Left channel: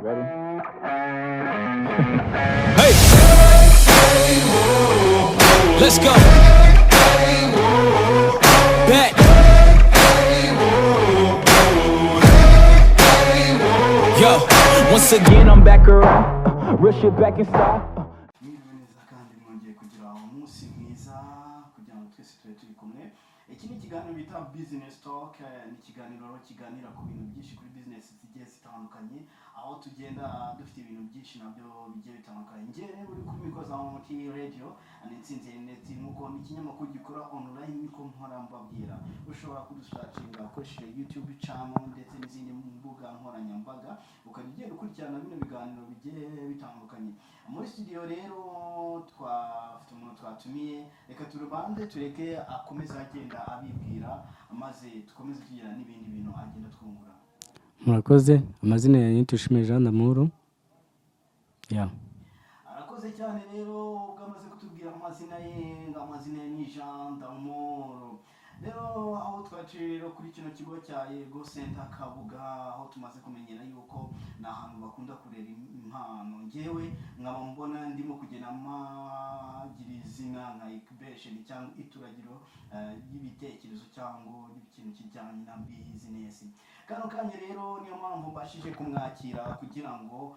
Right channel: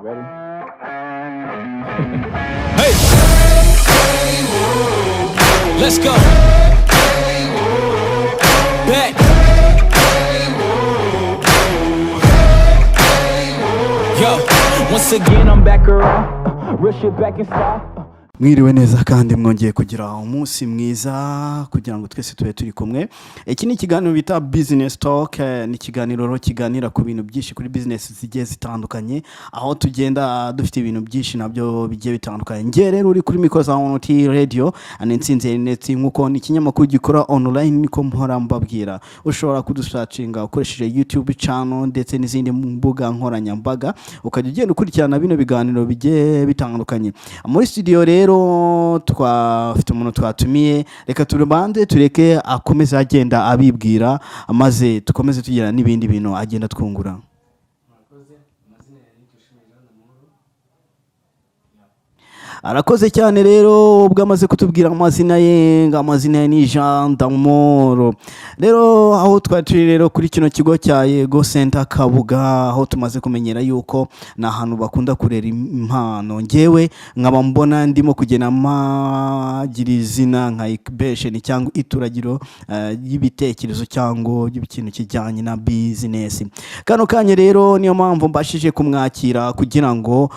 Ready? Hey, let's go. Back. Yo, once again I'm back around. Real shit back in style. Mwiriwe neza kandi mwongeye kugira umunsi mwiza kugira ngo twese tube turi kumwe. Iki ni ikiganiro bita Business Talk, ni ikiganiro ro kiganira ku bintu byinshi kuri business zigiye zitandukanye, aho tugenda dufite ibintu byinshi nabyo bigiye bitandukanye. Ngiye rero uri kuri Mikoza ONT Radio anensinze net nkuko ni ikinyamakuru gikora online niko mpora mbabwira. Ushobora kudusearchinga ukoresheje YouTube channel ndetse n'izindi mbuga nkoranyambaga, ukajya ugenda ukurikirana bino biganiro bigiye bitandukanye. Muri studio rero twafite umuntu twatumiye, reka turubande tureke akomeza agenda abibwira, amaze tukomeze tugira n'ibindi bintu agenda twungura. Murakoze. Amazina ya Nitushime Jean d'Amour. Arakoze cyane rero ubwo amaze kutubwira amazina ye, amazina ye ni Jean d'Amour. Rero aho twaturi rero kuri kino kigo cya Yego Center Kabuga, aho tumaze kumenyera yuko na hantu bakunda kurera impano. Ngewe nkaba mbona ndimo kugena magira izina nka incubation cyangwa ituragiro y'ibitekerezo cyangwa y'ikintu kijyanye na business. Kano kanya rero niyo mpamvu mbashije kumwakira kugira ngo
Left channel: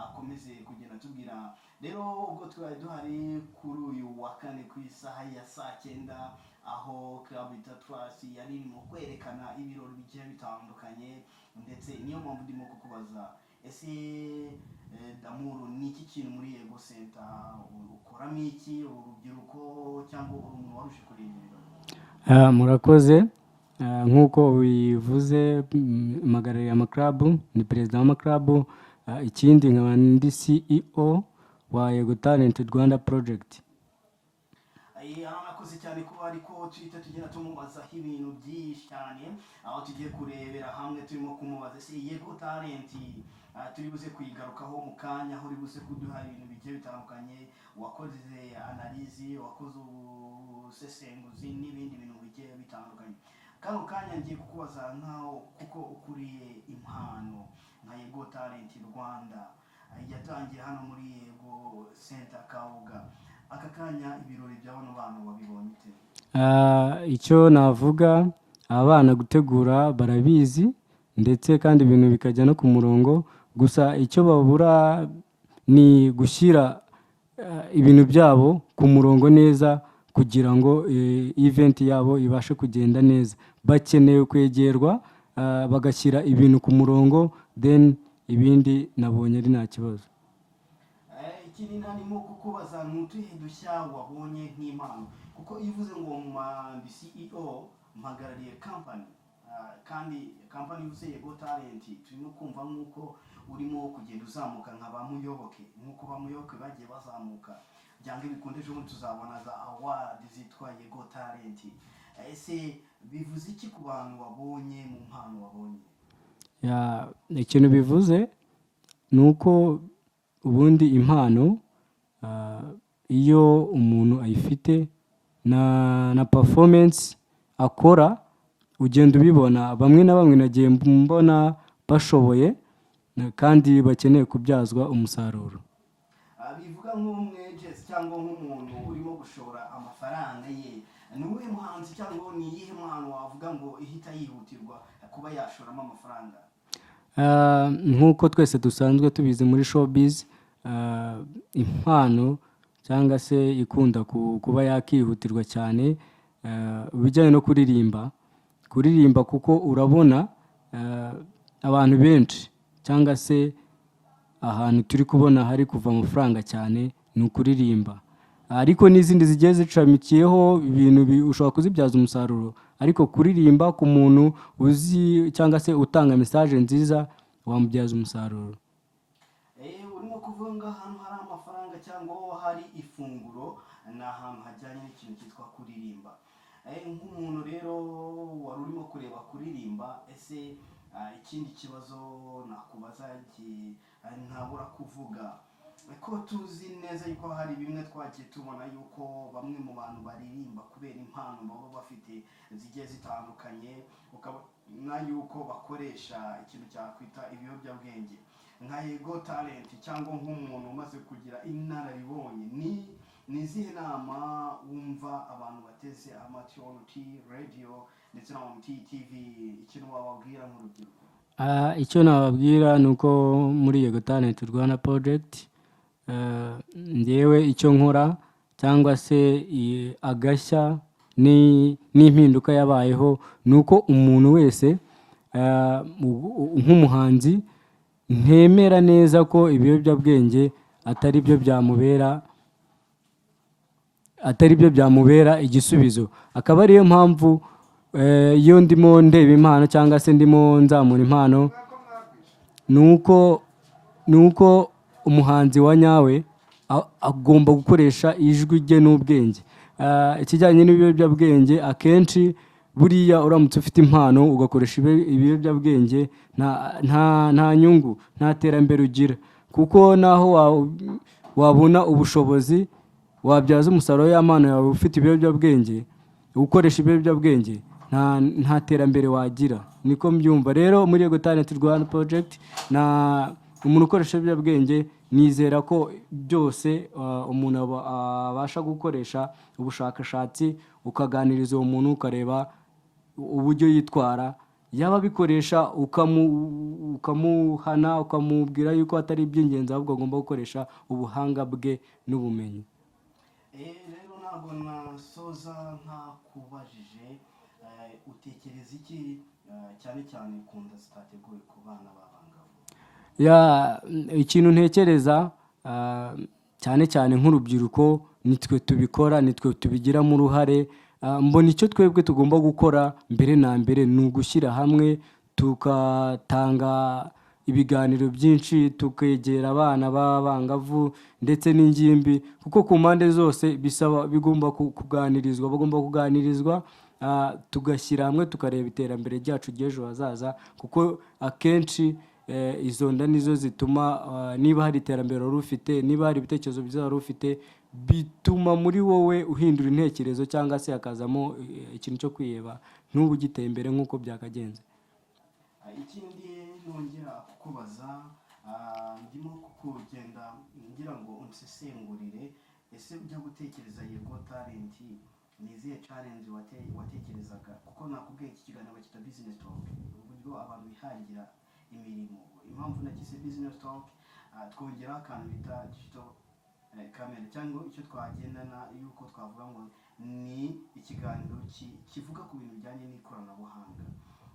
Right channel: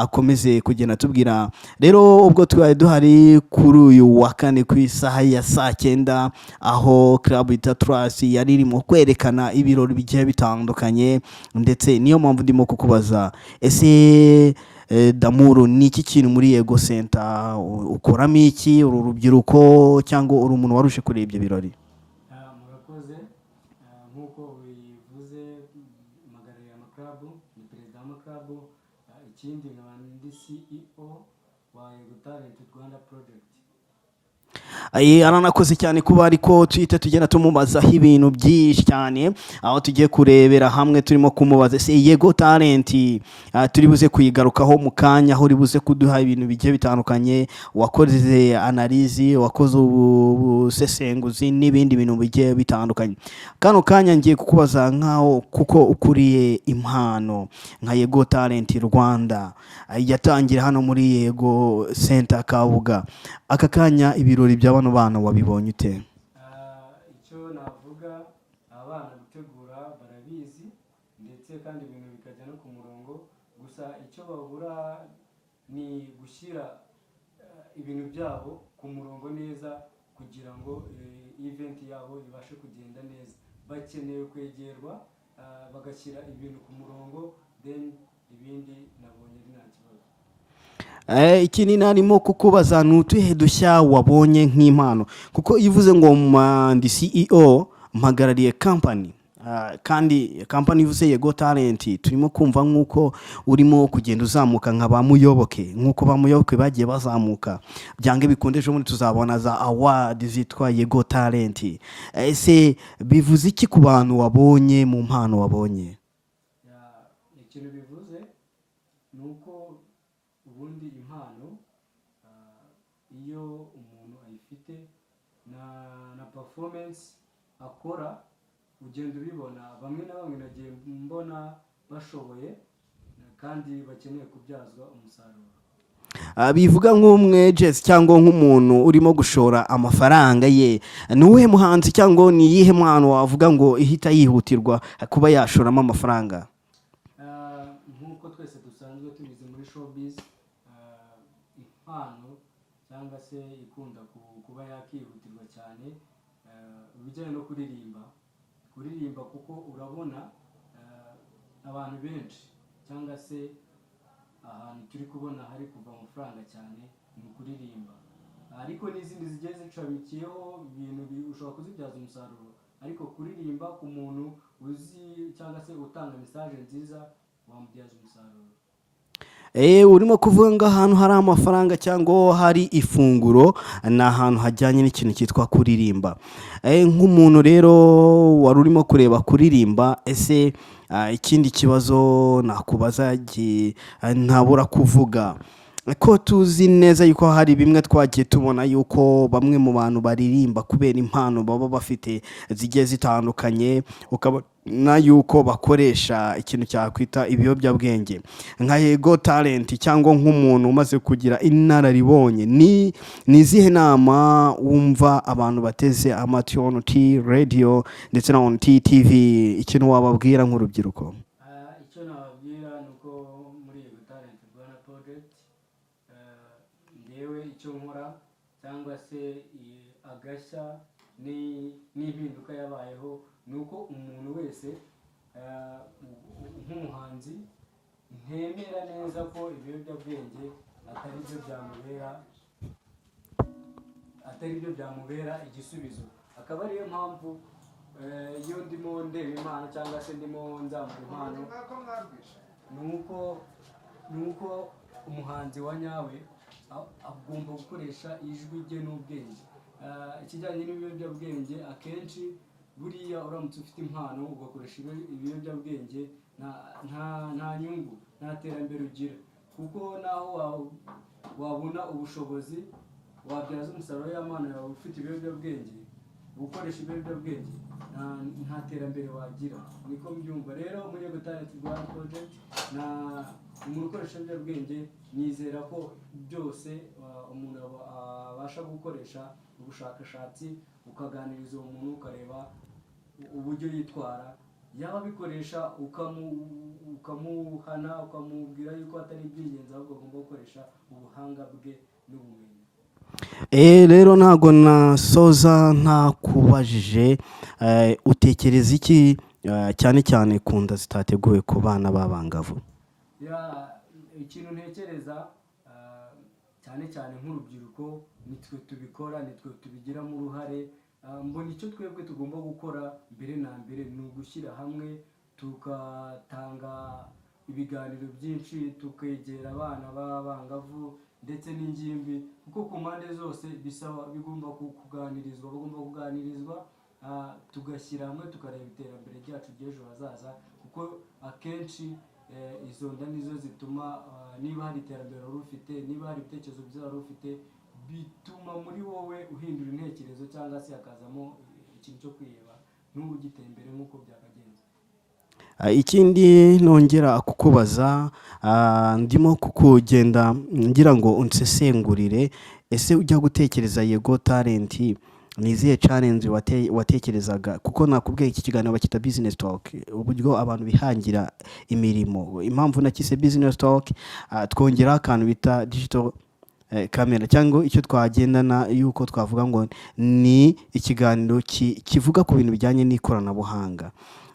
akomeze kugenda tubwira. Rero ubwo twari duhari kuri uyu wa kane ku isaha ya 9 aho club ita Trust yari irimo kwerekana ibirori bigiye bitandukanye, ndetse niyo mpamvu ndimo kukubaza ese D'Amour ni iki kintu muri Yego Center ukoramo iki, uru rubyiruko cyangwa uri umuntu warushe kuri ibyo birori? Murakoze. Nkuko bivuze magarari ya club ni president wa club, ikindi nkaba ndi CEO wa Yego Talent Rwanda Project. Aranakoze cyane kuba ariko twite tugenda tumubazaho ibintu byinshi cyane, aho tugiye kurebera hamwe turimo kumubaza se Yego Talent turi buze kuyigarukaho mu kanya, aho uri buze kuduha ibintu bigiye bitandukanye, wakoze analyse, wakoze ubusesenguzi n'ibindi bintu bigiye bitandukanye. Kano kanya ngiye kukubaza nkaho kuko ukuriye impano nka Yego Talent Rwanda yatangira hano muri Yego Center Kabuga. Aka kanya ibirori by'abana bana wabibonye ute? Icyo navuga, abana gutegura barabizi ndetse kandi ibintu bikajya no ku murongo, gusa icyo babura ni gushyira ibintu byabo ku murongo neza kugira ngo event yabo ibashe kugenda neza. Bakeneye kwegerwa bagashyira ibintu ku murongo, then ibindi nabonye ari nta kibazo. Ikindi narimo kukubaza nutuhe dushya wabonye nk'impano, kuko ivuze ngo ndi CEO mpagarariye company, kandi company ivuze Yego Talent turimo kumva nkuko urimo kugenda uzamuka nka bamuyoboke, nkuko bamuyoboke bagiye bazamuka, byange bikondeje muri tuzabona za award zitwa Yego Talent. Ese bivuze iki ku bantu wabonye mu mpano wabonye? Ikintu bivuze nuko ubundi impano iyo umuntu ayifite na performance akora ugenda ubibona. Bamwe na bamwe nagiye mbona bashoboye kandi bakeneye kubyazwa umusaruro. Bivuga nk'umwe Jess cyangwa nk'umuntu urimo gushora amafaranga ye, nuwe muhanzi cyangwa ni yihe mpano wavuga ngo ihita yihutirwa kuba yashoramo amafaranga? Nkuko twese dusanzwe tubizi muri showbiz, impano cyangwa se ikunda kuba yakihutirwa cyane bijyanye no kuririmba, kuko urabona abantu benshi cyangwa se ahantu turi kubona hari kuva amafaranga cyane ni ukuririmba, ariko n'izindi zigiye zicamikiyeho ibintu ushobora kuzibyaza umusaruro, ariko kuririmba ku muntu uzi cyangwa se utanga message nziza wamubyaza umusaruro. Urimo kuvuga ngo ahantu hari amafaranga cyangwa hari ifunguro na ahantu hajyanye n'ikintu cyitwa kuririmba. Nk'umuntu rero wari urimo kureba kuririmba, ese ikindi kibazo nakubaza ntabura kuvuga ko tuzi neza yuko hari bimwe twagiye tubona yuko bamwe mu bantu baririmba kubera impano baba bafite zigiye zitandukanye, ukaba na yuko bakoresha ikintu cyakwita ibiyobyabwenge nka Yego Talent cyangwa nk'umuntu umaze kugira inararibonye, ni izihe nama wumva abantu bateze amatwi on T radio ndetse na on T TV, ikintu wababwira nk'urubyiruko? Icyo nababwira ni uko muri Yego Talent Rwanda project ngewe icyo nkora cyangwa se agashya n'impinduka yabayeho ni uko umuntu wese nk'umuhanzi ntemera neza ko ibiyobyabwenge atari byo byamubera igisubizo. Akaba ariyo mpamvu iyo ndimo ndeba impano cyangwa se ndimo nzamura impano ni uko umuhanzi wa nyawe agomba gukoresha ijwi rye n'ubwenge. Ikijyanye n'ibiyobyabwenge akenshi buriya uramutse ufite impano ugakoresha ibiyobyabwenge nta nyungu, nta terambere ugira, kuko naho wabona ubushobozi wabyaza umusaruro y'amano yawe ufite ibiyobyabwenge, ukoresha ibiyobyabwenge nta terambere wagira. Niko mbyumva. Rero muri Yego Talent Rwanda project umuntu ukoresha ibiyobyabwenge nizera ko byose umuntu abasha gukoresha ubushakashatsi ukaganiriza uwo muntu ukareba uburyo yitwara, yaba bikoresha ukamuhana ukamubwira yuko atari iby'ingenzi ahubwo agomba gukoresha ubuhanga bwe n'ubumenyi. Rero ntago nasoza ntakubajije utekereza iki cyane cyane ku nda zitateguwe ku bana b'abangavu? Ikintu ntekereza cyane cyane nk'urubyiruko nitwe tubikora, nitwe tubigiramo uruhare. Mbona icyo twebwe tugomba gukora mbere na mbere ni ugushyira hamwe tugatanga ibiganiro byinshi, tukegera abana b'abangavu ndetse n'ingimbi, kuko ku mpande zose bigomba kuganirizwa, tugashyira hamwe tukareba iterambere ryacu ry'ejo hazaza, kuko akenshi izo nda nizo zituma niba hari iterambere wari ufite, niba hari ibitekerezo byiza wari ufite, bituma muri wowe uhindura intekerezo cyangwa se hakazamo ikintu cyo kwiheba, n'ubu ugiteye imbere nk'uko byakagenze. Ikindi nongera kukubaza, ndimo kukugenda ngira ngo unsesengurire, ese ujya gutekereza Yego Talent ni izihe challenge watekerezaga? Kuko nakubwiye iki kiganiro bakita business talk, uburyo abantu bihangira imirimo. Impamvu nakise business talk, twongera akantu bita digital camera, cyangwa icyo twagendana yuko twavuga ngo ni ikiganiro kivuga ku bintu bijyanye n'ikoranabuhanga.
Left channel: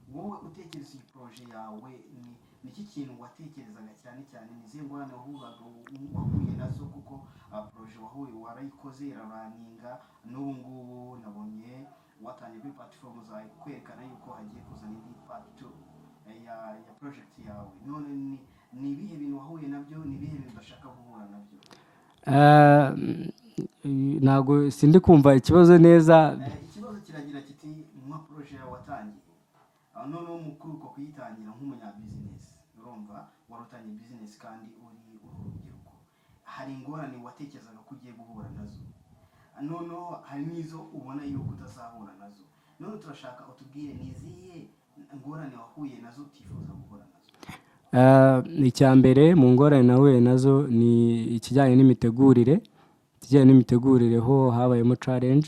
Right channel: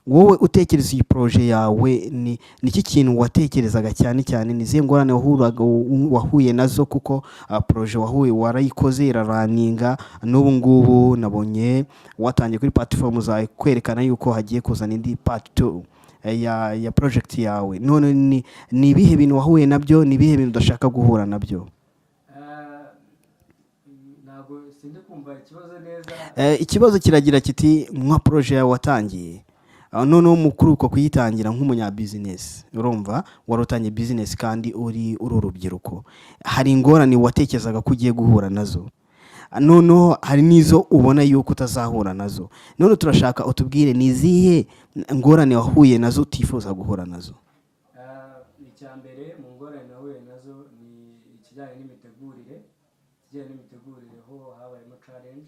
Wowe utekereza iyi projet yawe ni iki kintu watekerezaga cyane cyane? Ni izihe ngorane wahuye nazo? kuko projet warayikoze iraraninga, n'ubu ngubu nabonye watangiye kuri platform zawe kwerekana yuko hagiye kuzana indi part 2 ya project yawe. None ni ibihe bintu wahuye nabyo, ni ibihe bintu udashaka guhura nabyo? Ntabwo sindi kumva ikibazo neza. Ikibazo kiragira kiti nka projet yawe watangiye, noneho mukuru uko kuyitangira nk'umunyabusiness, urumva warutangiye business kandi uri urubyiruko, hari ingorane watekerezaga ko ugiye guhura nazo, noneho hari n'izo ubona yuko utazahura nazo. none turashaka utubwire ni izihe ngorane wahuye nazo utifuza guhura nazo? Icya mbere mu ngorane nahuye nazo ni ikijyanye n'imitegurire. Ho habayemo challenge,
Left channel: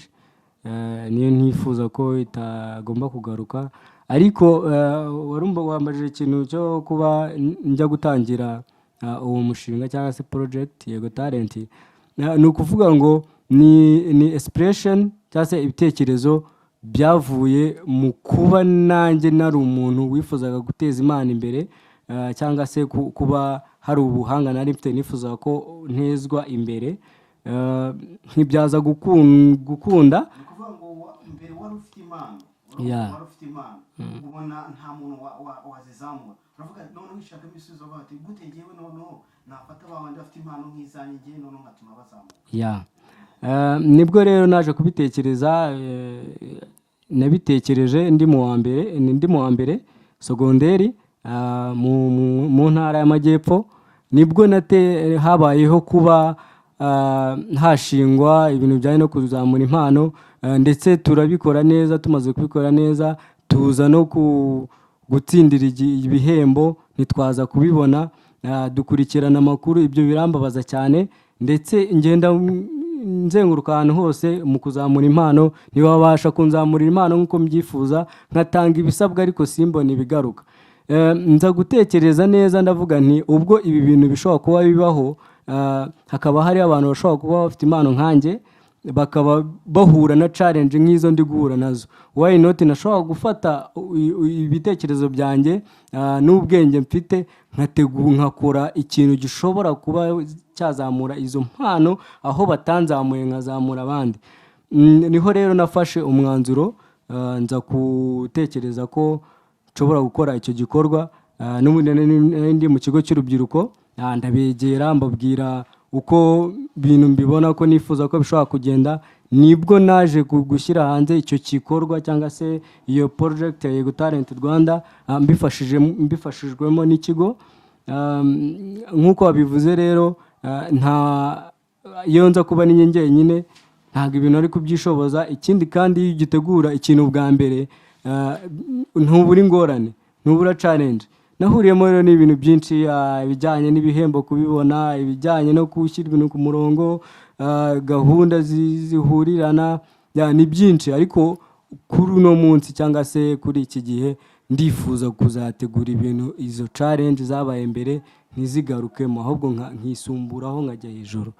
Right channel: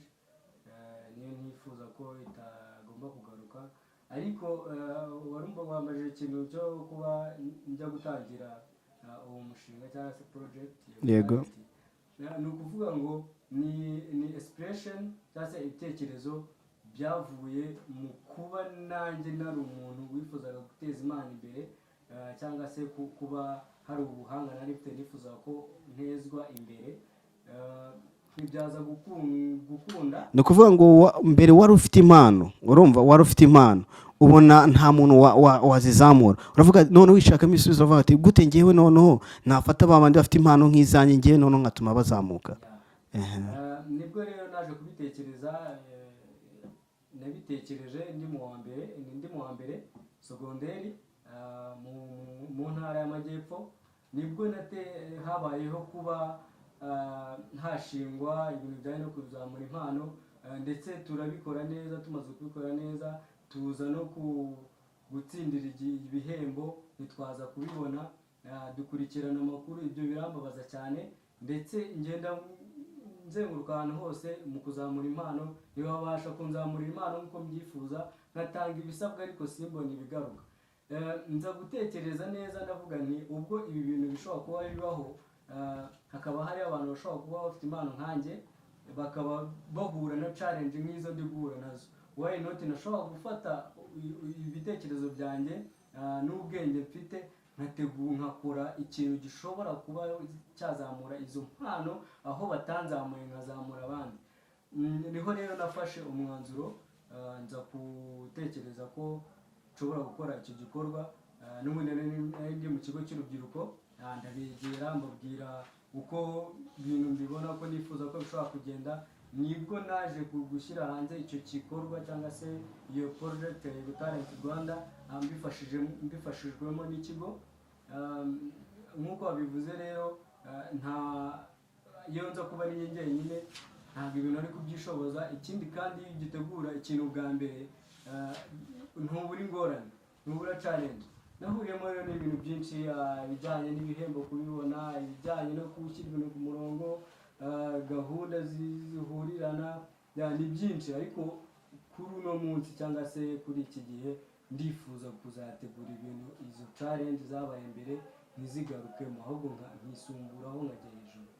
niyo ntifuza ko itagomba kugaruka. Ariko wambajije ikintu cyo kuba njya gutangira uwo mushinga cyangwa se project Yego Talent. Ni ukuvuga ngo ni expression cyangwa se ibitekerezo byavuye mu kuba nanjye nari umuntu wifuzaga guteza Imana imbere, cyangwa se kuba hari ubuhanga nari mfite nifuzaga ko ntezwa imbere, nkibyaza gukunda. Ni ukuvuga ngo mbere wari ufite impano, urumva wari ufite impano, ubona nta muntu wazizamura, uravuga none wishakamo ibisubizo, uravuga ati gute ngewe noneho nafata babandi bafite impano nk'izanjye ngewe noneho nkatuma bazamuka. Nibwo rero naje kubitekereza. Nabitekereje ndi mu wa mbere segonderi mu ntara y'Amajyepfo. Nibwo habayeho kuba hashingwa ibintu bijyanye no kuzamura impano, ndetse turabikora neza. Tumaze kubikora neza tuza no gutsindira ibihembo ntitwaza kubibona, dukurikirana amakuru, ibyo birambabaza cyane, ndetse ngenda nzenguruka ahantu hose mu kuzamura impano, ntibabasha kunzamurira impano nk'uko mbyifuza, nkatanga ibisabwa ariko simbone ibigaruka. Nza gutekereza neza ndavuga nti ubwo ibi bintu bishobora kuba bibaho, hakaba hari abantu bashobora kuba bafite impano nkanjye, bakaba bahura na challenge nk'izo ndi guhura nazo, why not nashobora gufata ibitekerezo byanjye n'ubwenge mfite nkakora ikintu gishobora kuba cyazamura izo mpano aho batanzamuye nkazamura abandi. Niho rero nafashe umwanzuro, nza gutekereza ko nshobora gukora icyo gikorwa. N'ubundi ndi mu kigo cy'urubyiruko, ndabegera mbabwira uko bintu mbibona ko nifuza ko bishobora kugenda, nibwo naje gushyira hanze icyo gikorwa cyangwa se iyo project ya Yego Talent Rwanda, mbifashijwemo n'ikigo. Nk'uko wabivuze rero, iyo nza kuba ni njyenyine ntabwo ibintu ari kubyishoboza. Ikindi kandi iyo ugitegura ikintu bwa mbere, ntubura ingorane, ntubura challenge. Nahuriyemo rero n'ibintu byinshi, ibijyanye n'ibihembo kubibona, ibijyanye no gushyira ibintu ku murongo, gahunda zihurirana, ni byinshi. Ariko kuri uno munsi cyangwa se kuri iki gihe ndifuza kuzategura ibintu, izo challenge zabaye mbere ntizigarukemo, ahubwo nkisumburaho nkajya hejuru.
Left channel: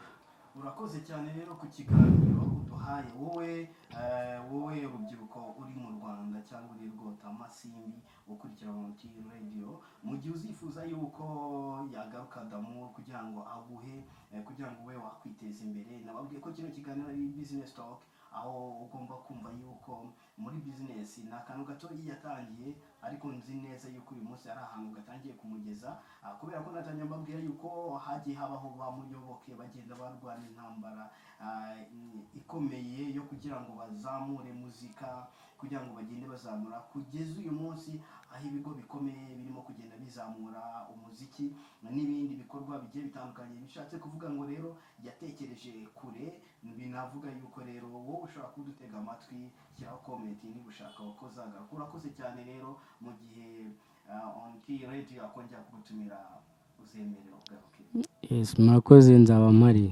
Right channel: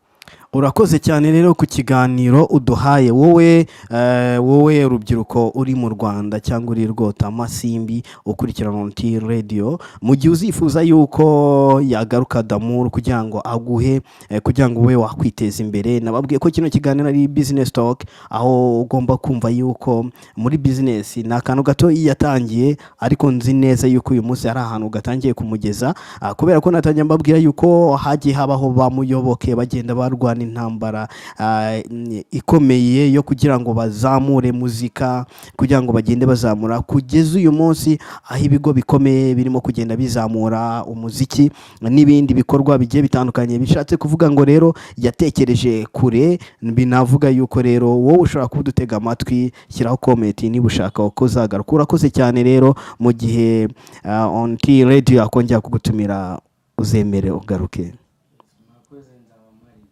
Urakoze cyane rero ku kiganiro uduhaye, wowe urubyiruko uri mu Rwanda cyangwa uri Rwota Masimbi ukurikirana ONT Radio, mu gihe uzifuza yuko yagaruka Damour kugira ngo aguhe, kugira ngo we wakwiteza imbere. Nababwiye ko kino kiganiro ari business talk, aho ugomba kumva yuko muri business ni akantu gato yatangiye, ariko nzi neza yuko uyu munsi ari ahantu gatangiye kumugeza, kubera ko natangiye mbabwira yuko hagiye habaho bamuyoboke bagenda barwana intambara ikomeye yo kugira ngo bazamure muzika, kugira ngo bagende bazamura kugeza uyu munsi aho ibigo bikomeye birimo kugenda bizamura umuziki n'ibindi bikorwa bigiye bitandukanye. Bishatse kuvuga ngo rero yatekereje kure. Binavuga yuko rero wowe ushobora kudutega amatwi, shyiraho comment niba ushaka uko zagaruka. Urakoze cyane rero, mu gihe ONT Radio akongera kugutumira uzemere ugaruke. Yes, murakoze, nzaba mpari.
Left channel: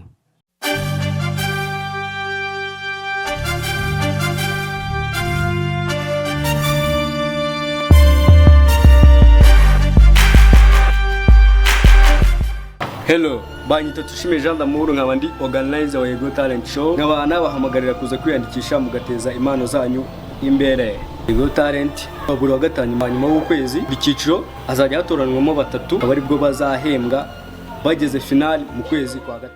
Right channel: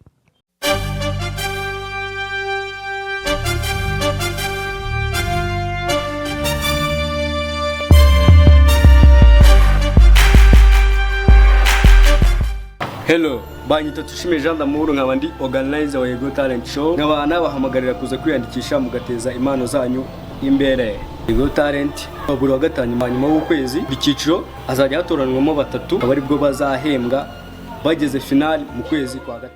Hello, banyita Tushime Jean Damour, nkaba ndi organizer wa Yego Talent Show. Nkaba nabahamagarira kuza kwiyandikisha mugateza impano zanyu imbere. Yego Talent buri wa gatanu nyuma y'ukwezi, icyiciro azajya hatoranwamo 3 abari bwo bazahembwa bageze final mu kwezi kwa 3.